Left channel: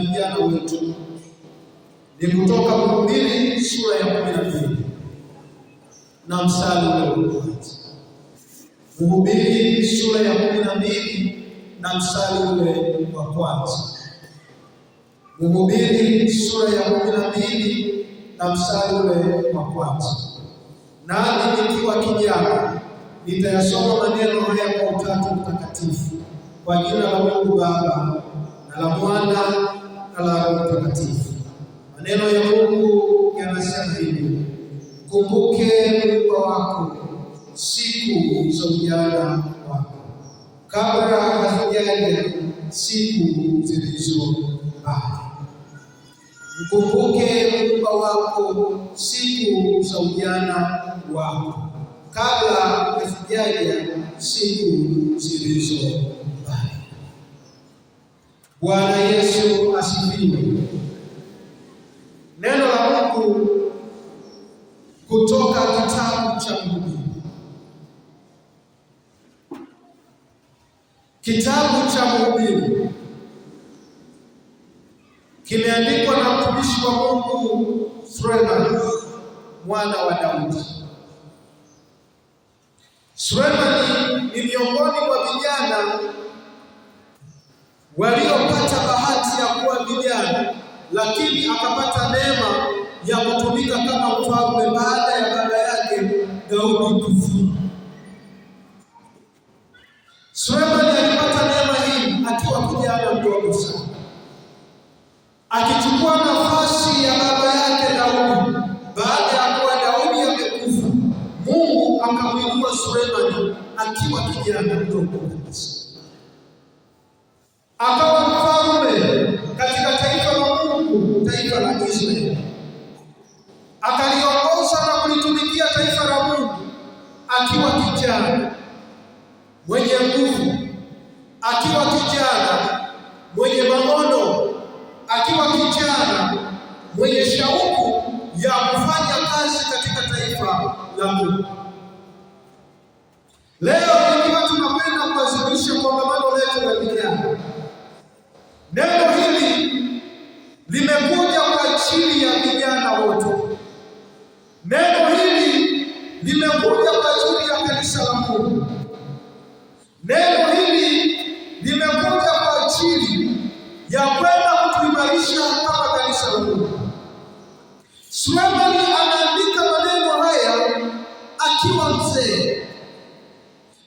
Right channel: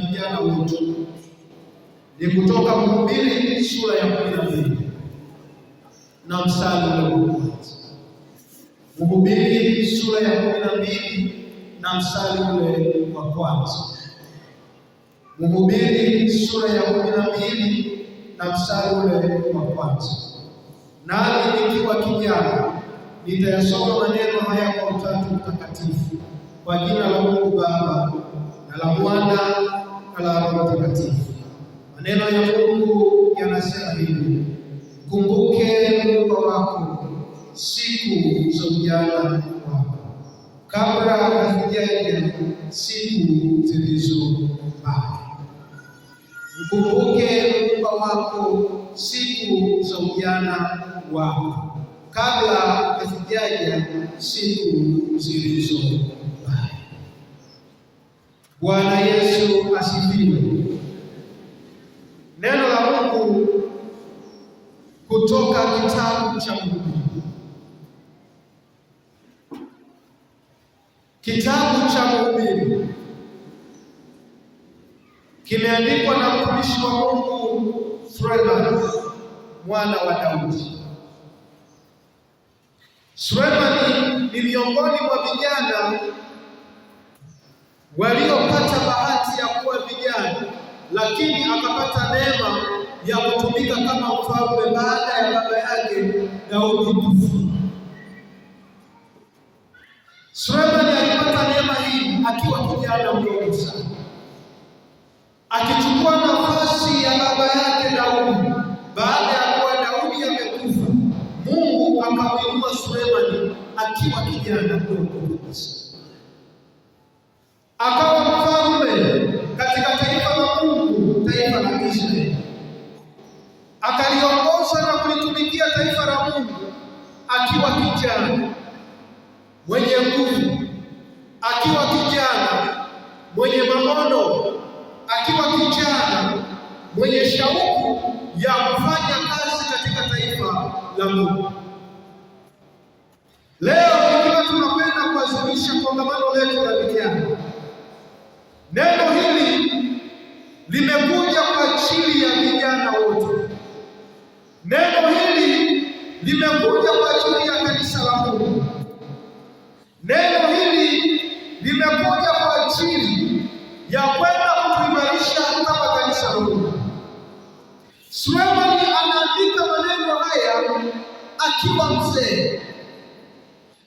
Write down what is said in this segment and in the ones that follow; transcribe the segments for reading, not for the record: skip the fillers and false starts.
vijana wetu ni kutoka Mhubiri sura ya 12 na mstari ule wa kwanza. Mhubiri sura ya 12 na mstari ule wa kwanza. Mhubiri sura ya 12 na mstari ule wa kwanza. Nami nikiwa kijana nitayasoma maneno haya kwa Utatu Mtakatifu, kwa jina la Mungu Baba na la Mwana na la Roho Mtakatifu. Maneno ya Mungu yanasema hivi: Mkumbuke Muumba wako siku za ujana wako, kabla hazijaja siku zilizo mbali. Mkumbuke Muumba wako siku za ujana wako, kabla hazijaja siku zilizo mbali. Bwana Yesu asifiwe. Neno la Mungu kutoka kitabu cha Mhubiri. Kitabu cha Mhubiri kimeandikwa na mtumishi wa Mungu Sulemani mwana wa Daudi. Sulemani ni miongoni mwa vijana waliopata bahati ya kuwa vijana, lakini akapata neema ya kutumika kama mfalme baada ya baba yake Daudi kufa. Sulemani alipata neema hii akiwa kijana mdogo sana, akichukua nafasi ya baba yake Daudi. Baada ya kuwa Daudi amekufa, Mungu akamwinua Sulemani akiwa kijana mdogo kabisa, akawa mfalme katika taifa la Mungu, taifa la Israeli. Akaliongoza na kulitumikia taifa la Mungu akiwa kijana mwenye nguvu, akiwa kijana mwenye maono, akiwa kijana mwenye shauku ya kufanya kazi katika taifa la Mungu. Leo ikiwa tunakwenda kuadhimisha kongamano letu la vijana, neno hili limekuja kwa ajili ya vijana wote. Neno hili limekuja kwa ajili ya kanisa la Mungu. Neno hili limekuja kwa ajili ya kwenda kutuimarisha kama kanisa la Mungu. Sulemani anaandika maneno haya akiwa mzee,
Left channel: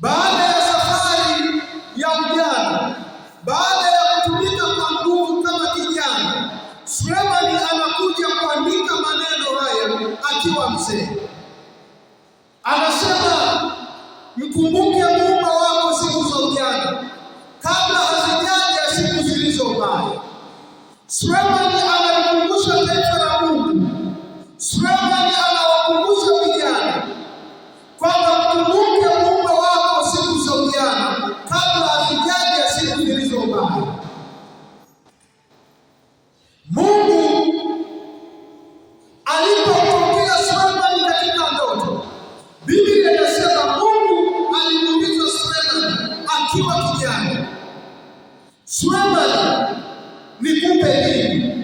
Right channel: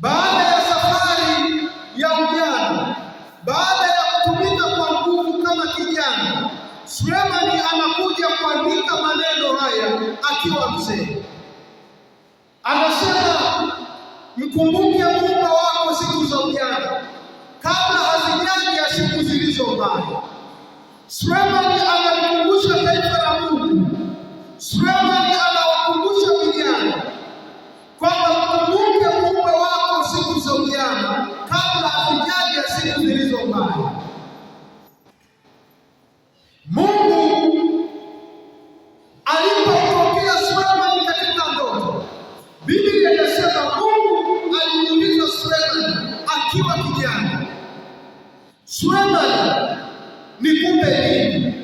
baada ya safari ya ujana, baada ya kutumika kwa nguvu kama kijana. Sulemani anakuja kuandika maneno haya akiwa mzee. Anasema, mkumbuke Muumba wako siku za ujana, kabla hazijaja siku zilizo mbaya. Sulemani analikumbusha taifa la Mungu. Sulemani anawakumbusha vijana kwamba mkumbuke Muumba wako siku za ujana, kabla hazijaja siku zilizo mbaya. Mungu alipomtokea Sulemani katika ndoto, Biblia inasema Mungu alimuuliza Sulemani akiwa kijana, Sulemani, nikupe nini?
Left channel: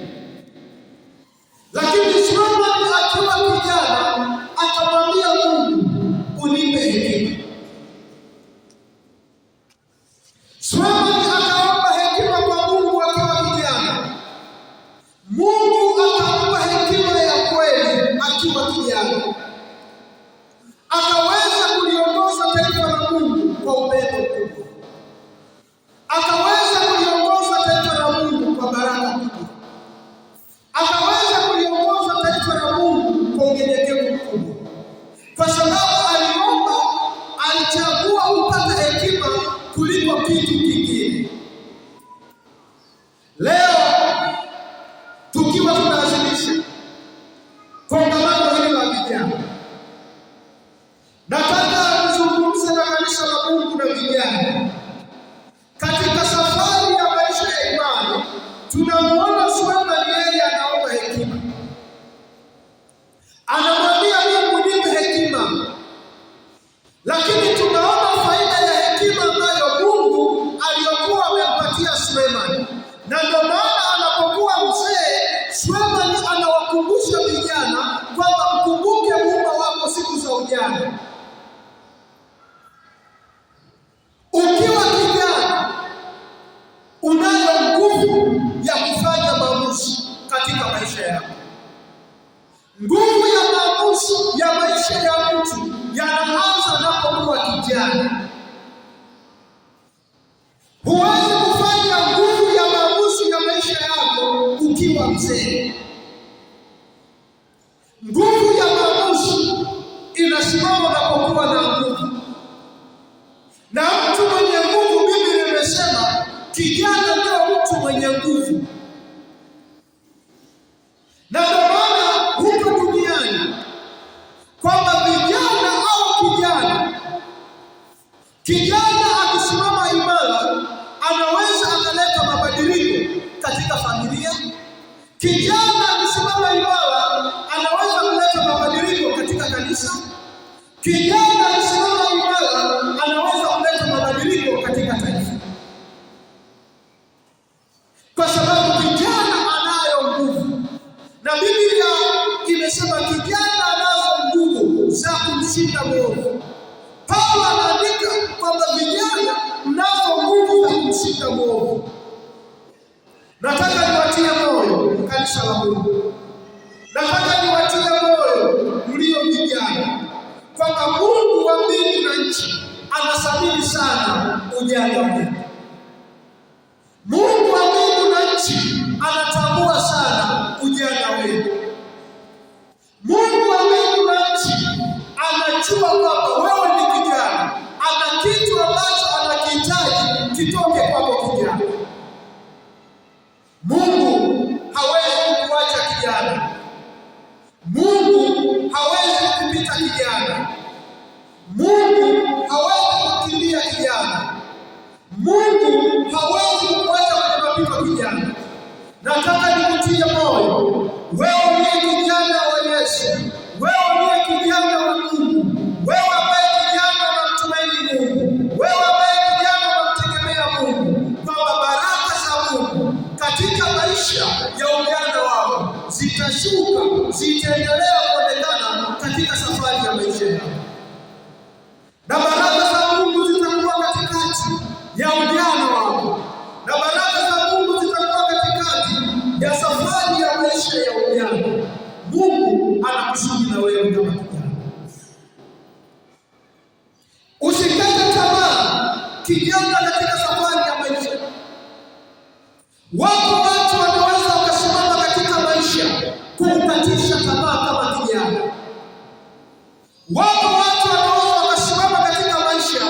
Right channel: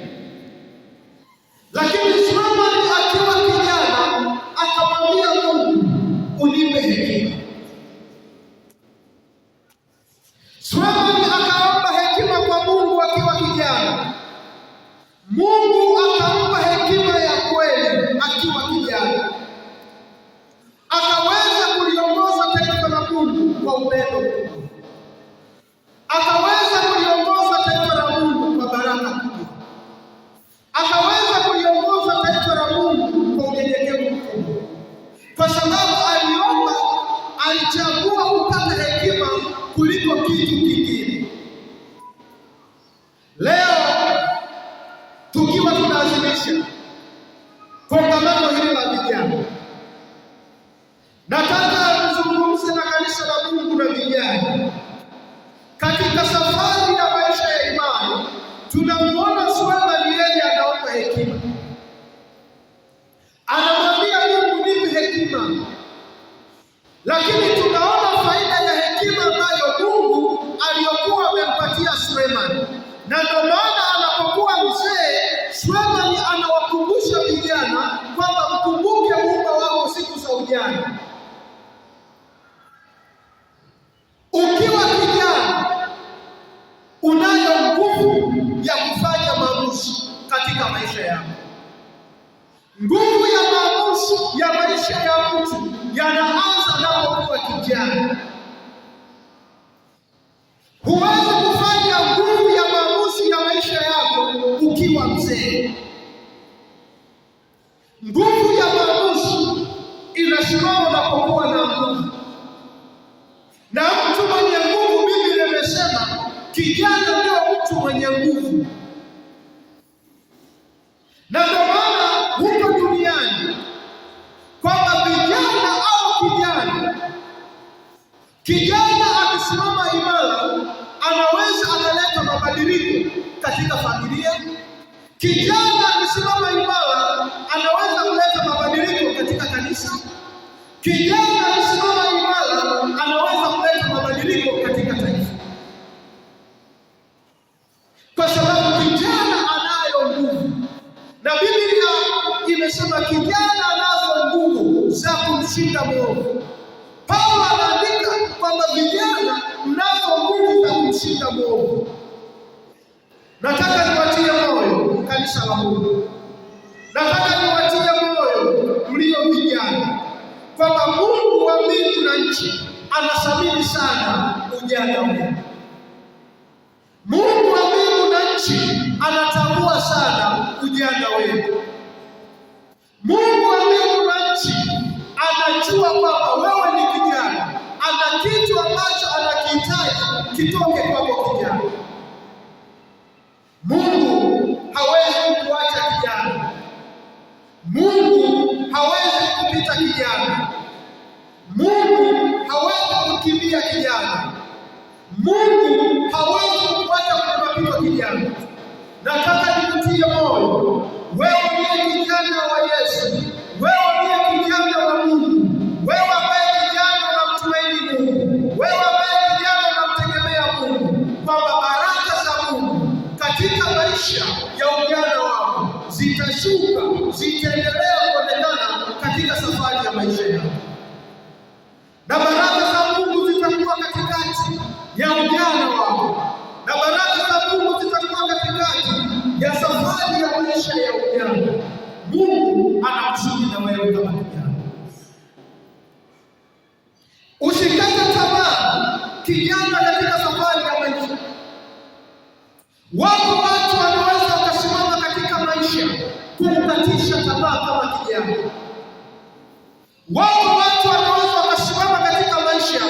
kijana. Ukiwa kijana unayo nguvu ya kufanya maamuzi katika maisha yako. Nguvu ya maamuzi ya maisha ya mtu yanaanza anapokuwa kijana. Huwezi kufanya nguvu ya maamuzi ya maisha yako ukiwa mzee. Nguvu ya maamuzi inasimama unapokuwa na nguvu, na mtu mwenye nguvu, Biblia imesema kijana ndio mtu mwenye nguvu. Na ndio maana huko duniani kwamba vijana au kijana akisimama imara anaweza akaleta mabadiliko katika familia. Kijana akisimama imara anaweza kuleta mabadiliko katika kanisa. Kijana akisimama imara anaweza kuleta mabadiliko katika taifa, kwa sababu kijana anayo nguvu. Na Biblia imesema kijana anazo nguvu za kumshinda mwovu. Paulo anaandika kwamba vijana mnazo nguvu za kumshinda mwovu. Nataka niwatie moyo kanisa la Mungu, nataka niwatie moyo mlio vijana kwamba Mungu wa mbingu na nchi anathamini sana ujana wenu. Mungu wa mbingu na nchi anatambua sana ujana wenu. Mungu wa mbingu na nchi anajua kwamba wewe ni kijana, ana kitu ambacho anakihitaji kitoke kwako kijana. Mungu hawezi kukuacha kijana. Mungu hawezi kupita kijana. Mungu hawezi kukimbia kijana. Mungu hawezi kukuacha kwenye mapito kijana. Nataka nikutie moyo, wewe ndiye kijana wa Yesu, wewe ndiye kijana wa Mungu, wewe ambaye kijana unamtumaini Mungu, wewe ambaye kijana unamtegemea Mungu, kwamba baraka za Mungu katika maisha ya ujana wako zitashuka, zitaendelea kuonekana katika safari ya maisha yako, na baraka za Mungu zitakuwa katikati ya ujana wako, na baraka za Mungu zitakuwa katikati ya safari ya maisha ya ujana. Mungu anakusudi na wewe kama kijana. Usikate tamaa kijana katika safari ya maisha. Wako watu wanaweza wakasimama katika maisha kukukatisha tamaa kama kijana. Wako watu wanaweza wakasimama katika maisha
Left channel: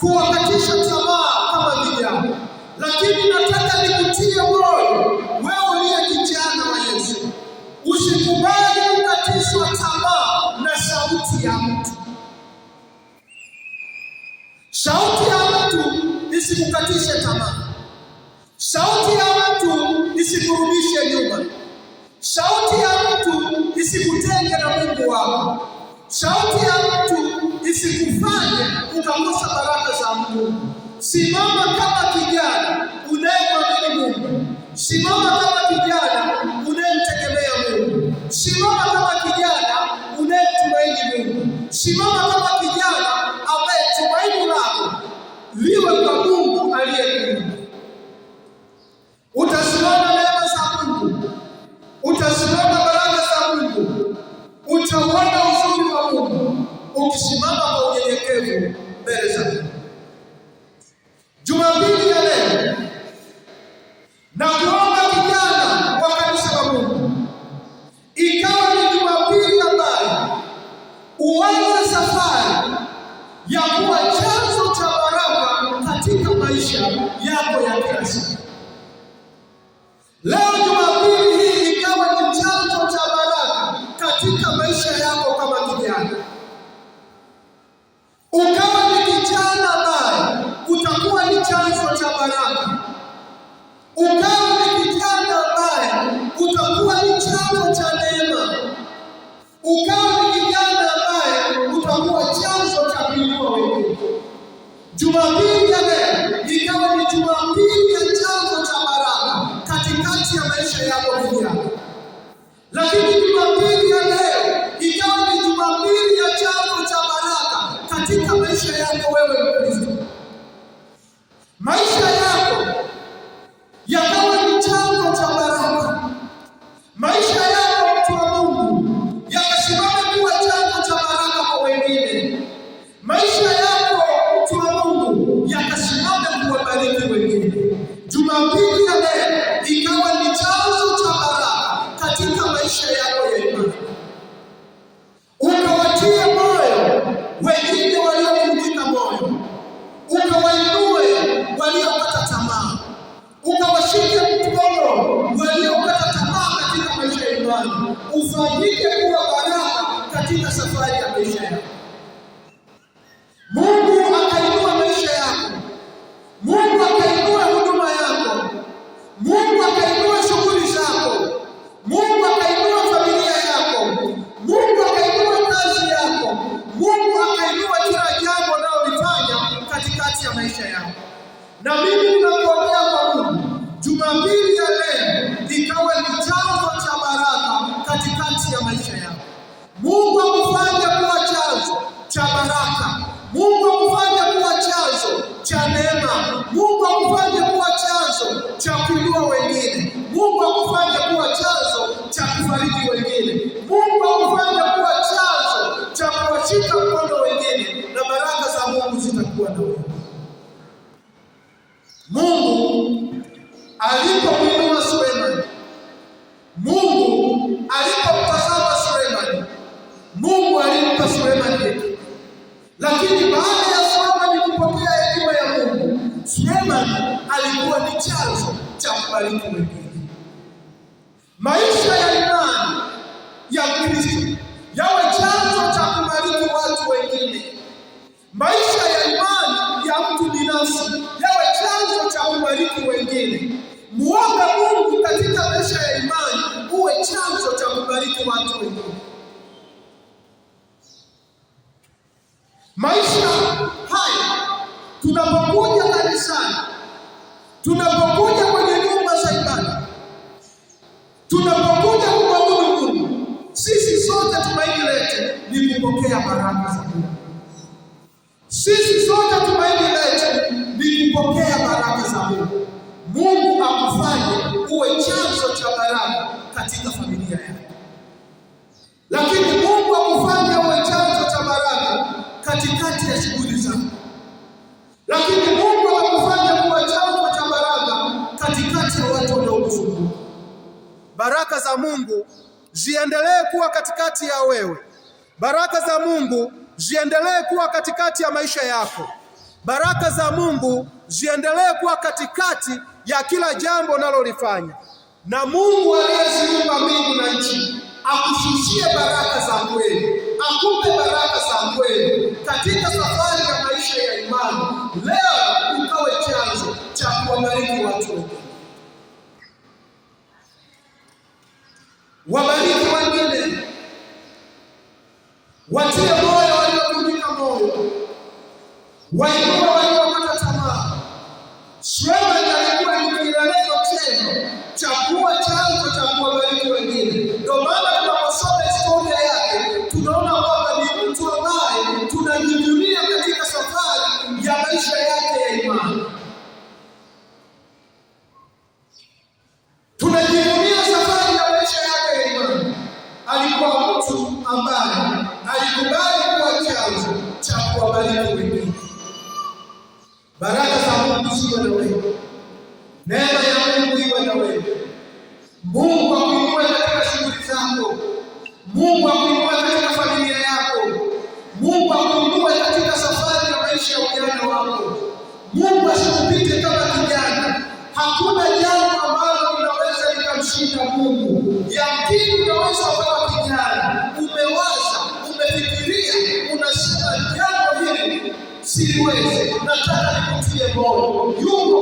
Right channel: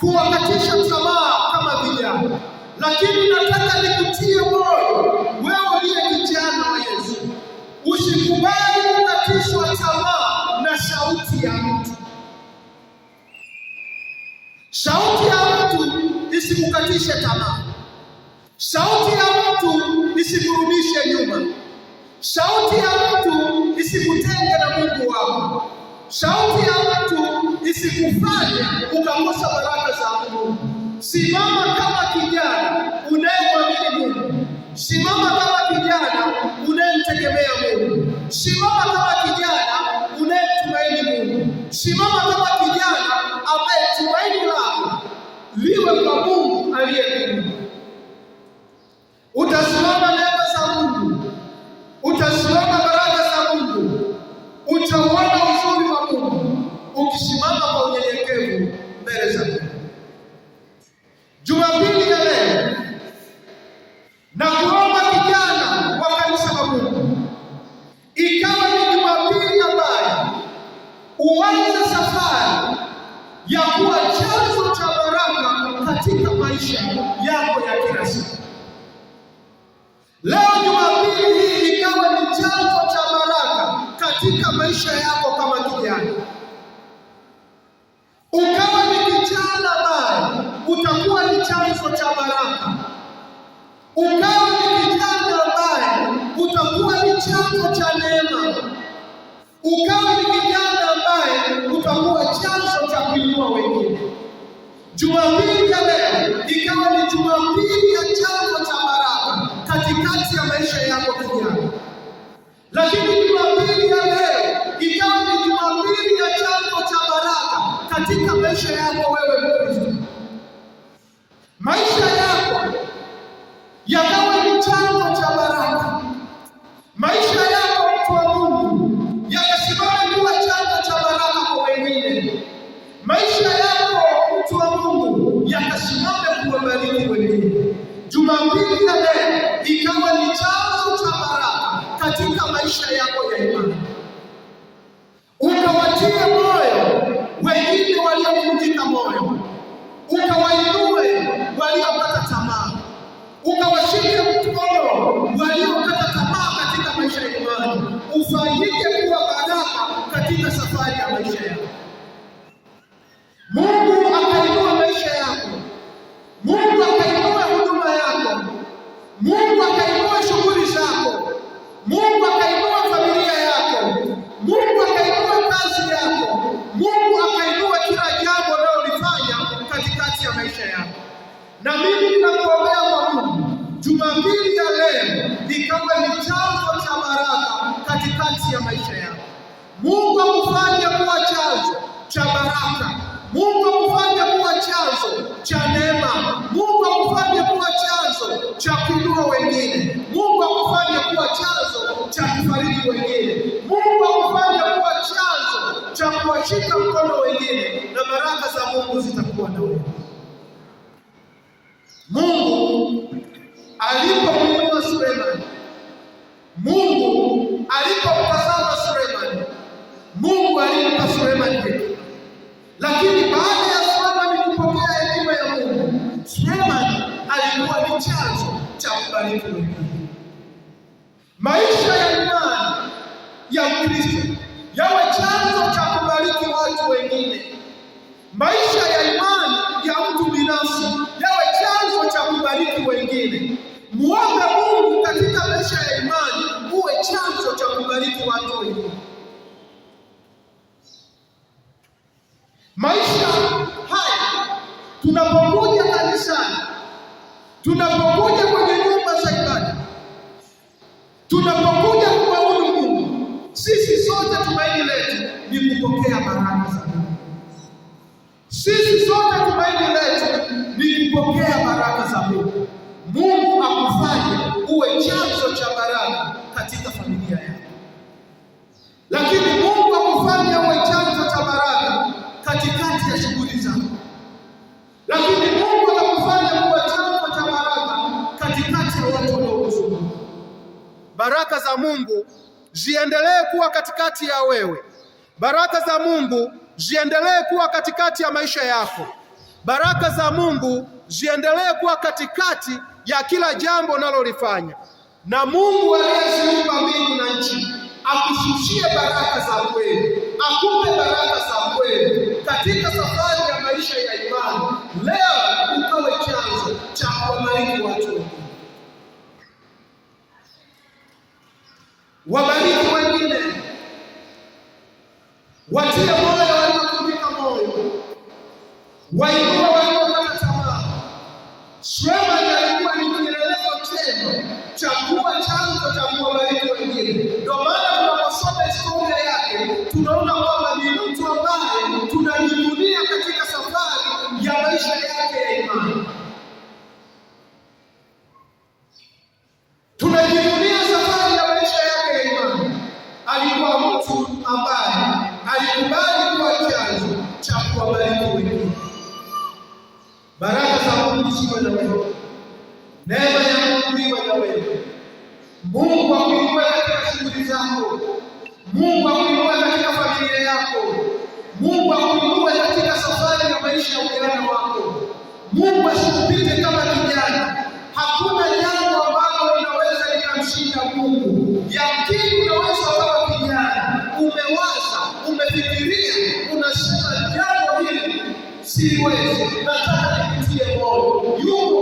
kuwakatisha tamaa kama vijana. Lakini nataka nikutie moyo, wewe uliye kijana wa Yesu, usikubali kukatishwa tamaa na sauti ya mtu. Sauti ya mtu isikukatishe tamaa. Sauti ya mtu isikurudishe nyuma. Sauti ya mtu isikutenge na Mungu wako. Sauti ya mtu isikufanye ukakosa baraka za Mungu. Simama kama kijana unayemwamini Mungu. Simama kama kijana unayemtegemea Mungu. Simama kama kijana unayemtumaini Mungu. Simama kama kijana ambaye tumaini lako liwe kwa Mungu aliyekuumba. Utasimama neema za Mungu, utasimama baraka za Mungu, utaona uzuri wa Mungu ukisimama kwa unyenyekevu mbele za Mungu. Jumapili ya leo na kuomba kijana wa kanisa la Mungu, ikawa ni Jumapili ambayo uanze safari ya kuwa chanzo cha baraka katika maisha yako ya kila siku. Leo Jumapili hii ikawa ni chanzo cha baraka katika maisha yako kama kijana. Ukawa ni kijana ambaye utakuwa ni chanzo cha baraka. Ukawa ni kijana ambaye utakuwa ni chanzo cha neema. Ukawa ni kijana ambaye utakuwa chanzo cha kuinua wengine. Jumapili ya leo ikawa ni Jumapili ya chanzo cha baraka katikati ya maisha yako kijana. Lakini Jumapili ya leo ikawa ni Jumapili ya chanzo cha katika maisha yako wewe Mkristo. Maisha yako yakawe ni chanzo cha baraka. Maisha yako mtu wa Mungu yakasimame kuwa chanzo cha baraka kwa wengine. Maisha yako mtu wa Mungu yakasimame kuwabariki wengine. Jumapili ya leo ikawa ni chanzo cha baraka katika maisha yako ya imani. Ukawatie moyo wengine waliovunjika moyo, ukawainue waliokata tamaa, ukawashike mkono waliokata tamaa katika maisha ya imani, ufanyike kuwa baraka katika safari ya maisha yako. Mungu akainua maisha yako, Mungu akainua huduma yako, Mungu akainua shughuli zako, Mungu akainua familia yako, Mungu akainua kazi yako, Mungu akainua kila jambo unalolifanya katikati ya maisha yako. Na mimi ninakuombea kwa Mungu, Jumapili ya leo ikawe ni chanzo cha baraka katikati ya maisha yako. Mungu akufanye kuwa chanzo cha baraka, Mungu akufanye kuwa chanzo cha neema, Mungu akufanye kuwa chanzo cha kuinua wengine, Mungu akufanye kuwa chanzo cha kufariji wengine, Mungu akufanye kuwa chanzo cha kuwashika mkono wengine, na baraka za Mungu zitakuwa na wewe. Mungu alipomwinua Sulemani, Mungu alipomtazama Sulemani, Mungu alimpa Sulemani hekima. Lakini baada ya Sulemani kupokea hekima ya Mungu, Sulemani alikuwa ni chanzo cha kubariki wengine. Maisha ya imani ya Kristo yawe chanzo cha kubariki watu wengine. Maisha ya imani ya mtu binafsi yawe chanzo cha kubariki wengine. Muombe Mungu katika maisha ya imani uwe chanzo cha kubariki watu wengine. Maisha haya tunapokuja kanisani, tunapokuja kwenye nyumba za ibada, tunapokuja kumwabudu Mungu, sisi sote tumaini letu ni kupokea baraka za Mungu. Sisi sote tumaini letu ni kupokea baraka za Mungu. Mungu akufanye uwe chanzo cha baraka katika familia yako. Lakini Mungu akufanye uwe chanzo cha baraka katikati ya shughuli zako. Lakini Mungu akufanye kuwa chanzo cha baraka katikati ya watu wanaokuzunguka. Baraka za Mungu ziendelee kuwa katikati ya wewe. Baraka za Mungu ziendelee kuwa katikati ya maisha yako. Baraka za Mungu ziendelee kuwa katikati ya kila jambo unalolifanya. Na Mungu aliyeziumba mbingu na nchi akushushie baraka za kweli, akupe baraka za kweli katika safari ya maisha ya imani. Leo ukawe chanzo cha kuwabariki watu wengine. Wabariki wengine, watie moyo waliovunjika moyo, wainue waliokata tamaa. Sulemani alikuwa ni kielelezo chema cha kuwa chanzo cha kuwabariki wengine. Ndio maana tunaposoma historia yake tunaona kwamba ni mtu ambaye tunajivunia katika safari ya maisha yake ya imani. Tunajivunia safari ya maisha yake ya imani. Alikuwa mtu ambaye alikubali kuwa chanzo cha kuwabariki wengine. Baraka za Mungu ziwe na wewe. Neema ya Mungu iwe na wewe. Mungu akuinue katika shughuli zako. Mungu akuinue katika familia yako. Mungu akuinue katika safari ya maisha ya ujana wako. Mungu asikupite kama kijana. Hakuna jambo ambalo linaweza likamshinda Mungu. Yamkini unaweza kuwa kijana, umewaza, umefikiria, unasema jambo hili siwezi, nataka nikutie moyo. Yuko